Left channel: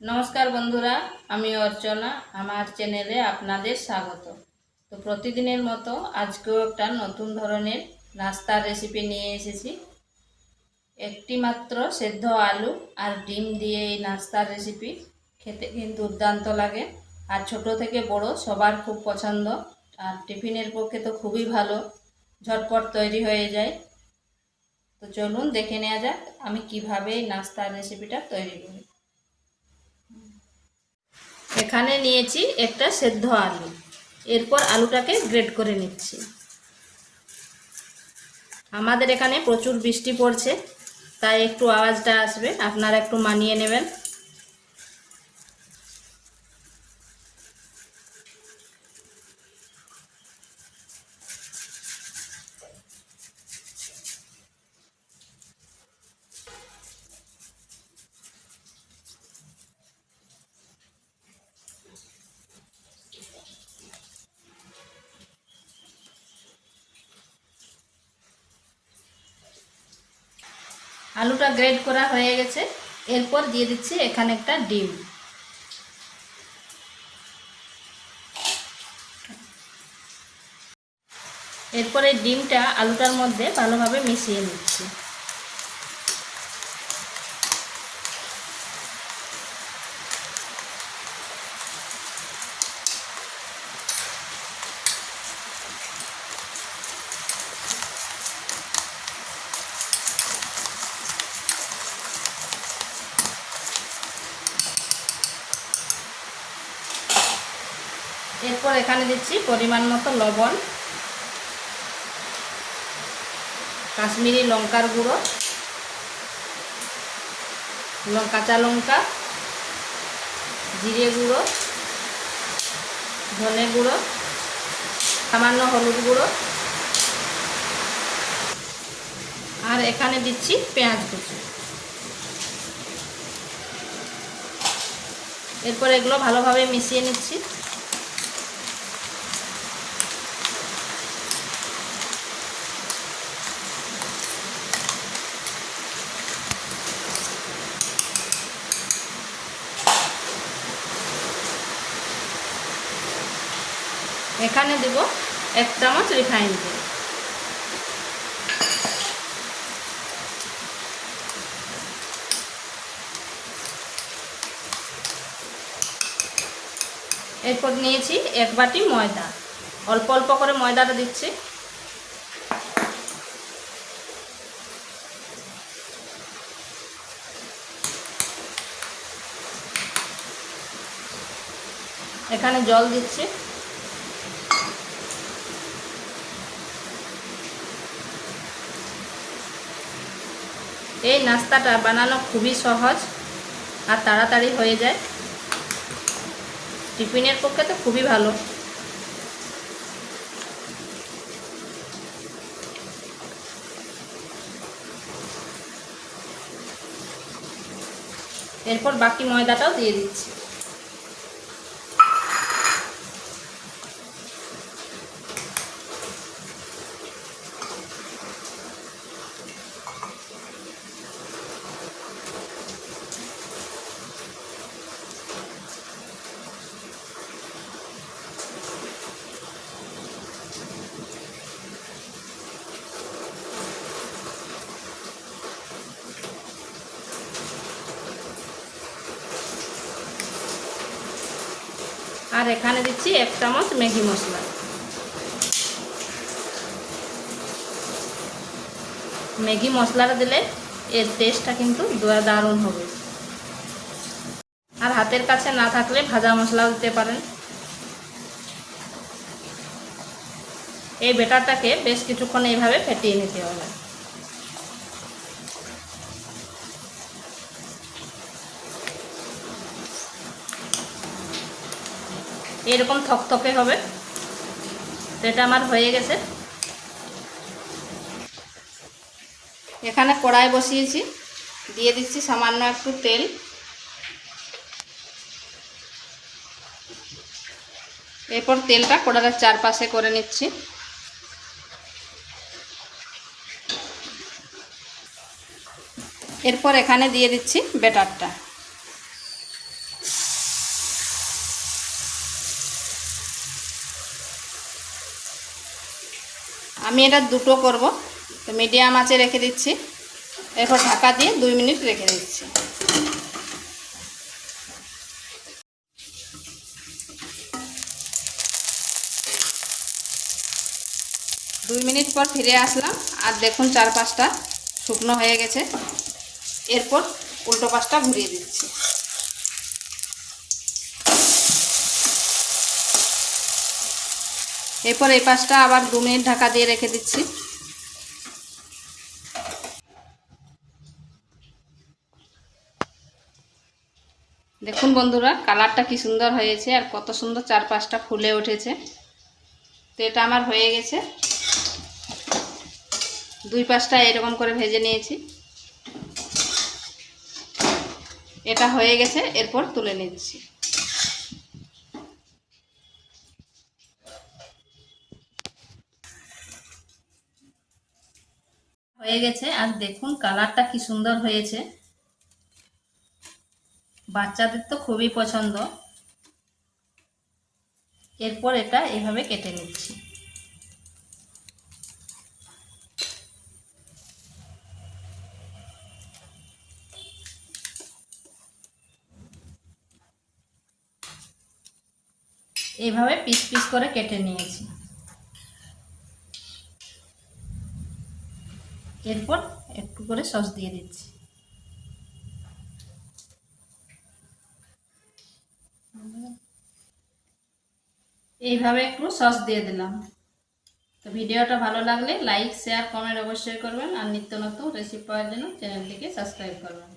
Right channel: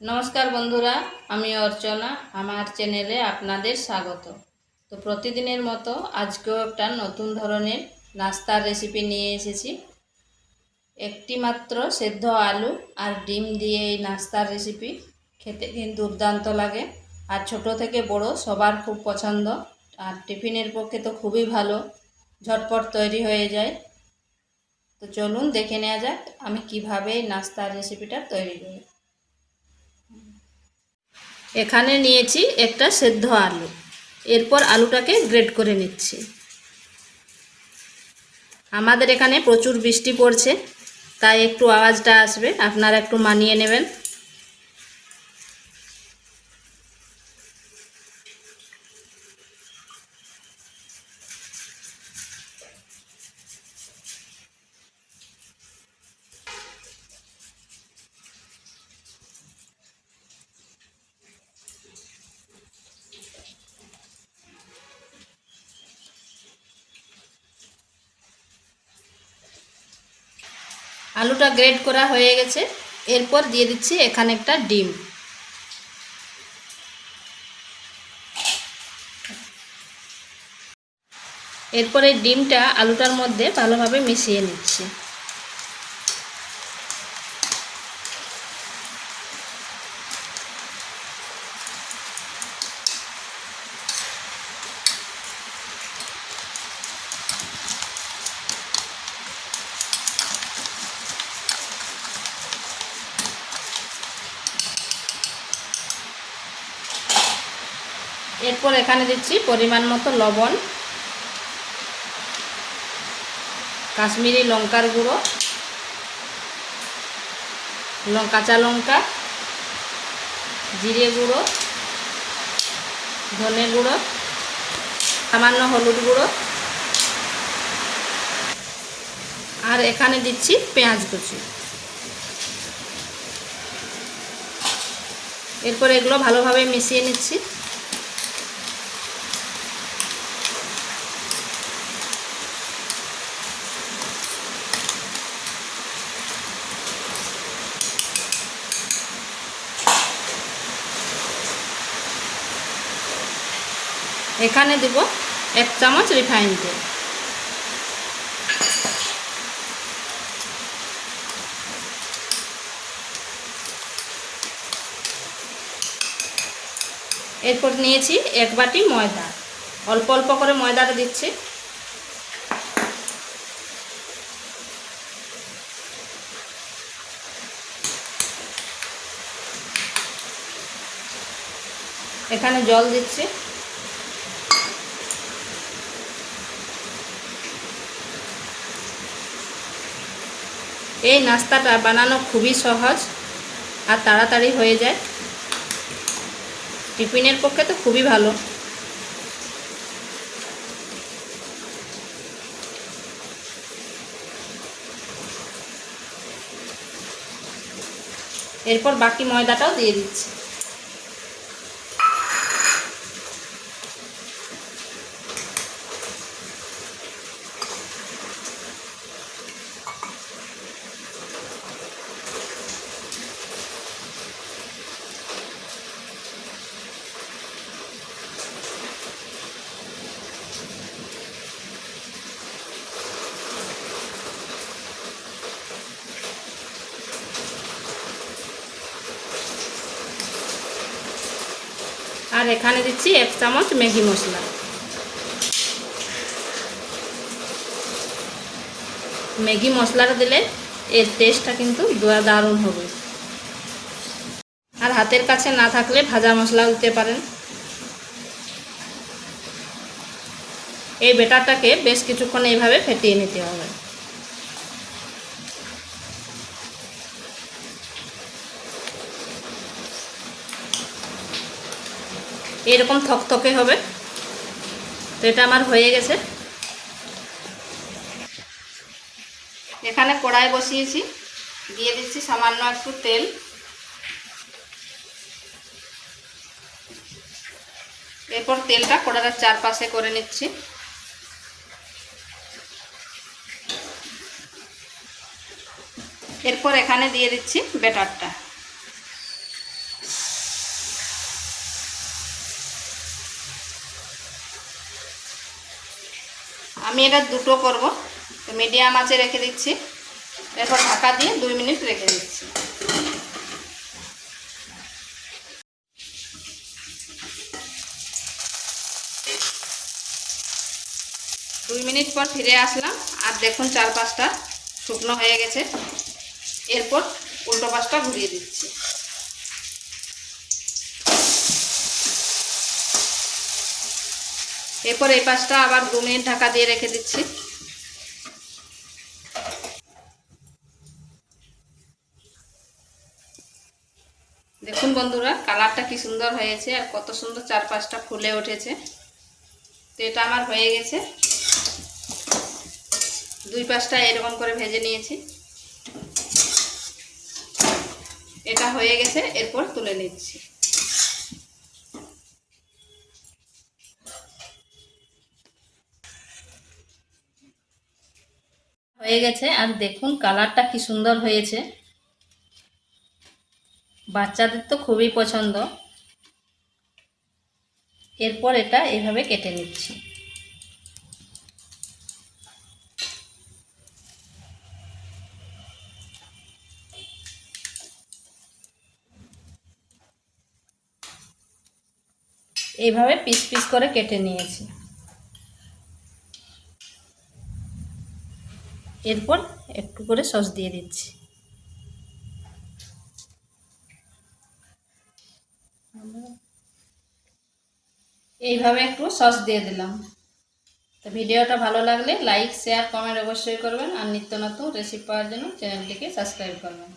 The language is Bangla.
নমস্কার বন্ধুরা, আমি অর্চনা, আমার চ্যানেলে আপনাদের স্বাগত। তো প্রতিদিনের মতো আজকেও একটা নতুন ধরনের নাস্তার রেসিপি নিয়ে এসেছি। একটি মাত্র সেদ্ধ আলু আর ডিম দিয়ে এই নাস্তার রেসিপি খেতে কিন্তু দুর্দান্ত লাগে। আর ছোট থেকে বড় সবার খুব পছন্দ। আর টিফিনের পক্ষে তো খুবই ভালো। ঝটপট তৈরি হয়ে যায়। তো চলুন দেখে নেওয়া যাক আমি কীভাবে এই নাস্তার রেসিপিটা তৈরি করি। এখানে নিয়েছি একটা সেদ্ধ আলু। এরপর আলুটাকে গ্রেড করে নিচ্ছি। আমাদের এখানে প্রচুর বৃষ্টি পড়ছে, তাই একটু আওয়াজটা আসবে, আপনারা একটু মানিয়ে নেবেন। আলুটা গ্রেড করা হয়ে গেছে। এরপর দিয়ে দিচ্ছি এখানে একটা ডিম। এরপরে ডিমটা আলুটার মধ্যে ভালোভাবে মিশিয়ে নিচ্ছি। এরপর এখানে দিচ্ছি পরিমাণ মতো লবণ, কাশ্মীরি লঙ্কার গুঁড়ো কাঁচা লঙ্কা, জিরে গুঁড়ো, ধনে গুঁড়ো, সামান্য হলুদ গুঁড়ো, আর এখানে দিচ্ছি পেঁয়াজ কুচি। এরপর এগুলো ভালোভাবে মিশিয়ে নিচ্ছি। এখানে দেব এক চামচ রিফাইন তেল। এরপর নিয়েছি এক বাটি ময়দা। অল্প অল্প করে ময়দাটা দিচ্ছি। এখানে জল দিচ্ছি। এই নাস্তাটা বানানো খুবই সহজ আর তাড়াতাড়ি হয়ে যায়। টিফিনের পক্ষে তো খুবই ভালো। এরপর বাকি ময়দাটাও দিয়ে দিচ্ছি। আর এখানে দিচ্ছি এক চামচ ম্যাগি মশলা। ম্যাগি মশলাটা দিলে এর টেস্টটা কিন্তু দারুণ হবে। আর হাতের কাছে না থাকলে ভাজা মশলা দিতে পারেন। এই বেটারটাকে বেশ কিছুক্ষণ এইভাবে ফেটিয়ে নিতে হবে। এরকম থকথকে হবে। এটা আমার হয়ে গেছে। এখানে কড়াই বসিয়েছি। দিয়ে দিচ্ছি সামান্য একটু তেল। এরপর তেলটা কড়াটার চারপাশে করে নিচ্ছি। এরপর এখানে দিয়ে দিচ্ছি বেটারটা আমি এটা দুটো করব। তো মিডিয়াম আঁচে রেখে দিচ্ছি। এরপর ঢাকা দিয়ে দুই মিনিট রেখে দিচ্ছি। দুই মিনিট পর ফিরে আসলাম। আর দেখুন চার পাঁচটা শুকনো হয়ে গেছে। এরপর উল্টো পাশটা ঘুরিয়ে দিচ্ছি। এরপর এই পাশটা আবার দু ঢাকা দিয়ে রেখে দিচ্ছি। দেখুন বন্ধুরা, কালারটা কি সুন্দর হয়েছে আর কত সুন্দর চার পাঁচটা ফুলে উঠেছে। তো এটা আমার হয়ে গেছে। দুই পাশটা এরকম করে ভেজে নিয়েছি। এটা হয়ে গেছে, এরপর তুলে নিচ্ছি। হয়ে গেছে। আর দেখুন, কালারটা কি সুন্দর হয়েছে। বাচ্চাদের তো খুবই পছন্দ। এরপর এটা এভাবে কেটে নিচ্ছি। এইভাবে পিস পিস করে কেটে নিয়েছি। এরপর একটু করে সস দিয়ে দিচ্ছি। এইভাবে একটু সস দিয়ে দিলাম। তো ভিডিওটা ভালো লাগলে লাইক, শেয়ার, কমেন্ট অবশ্যই করবেন আর নিত্য নতুন রেসিপি পাওয়ার জন্য চ্যানেলটিকে সাবস্ক্রাইব করবেন।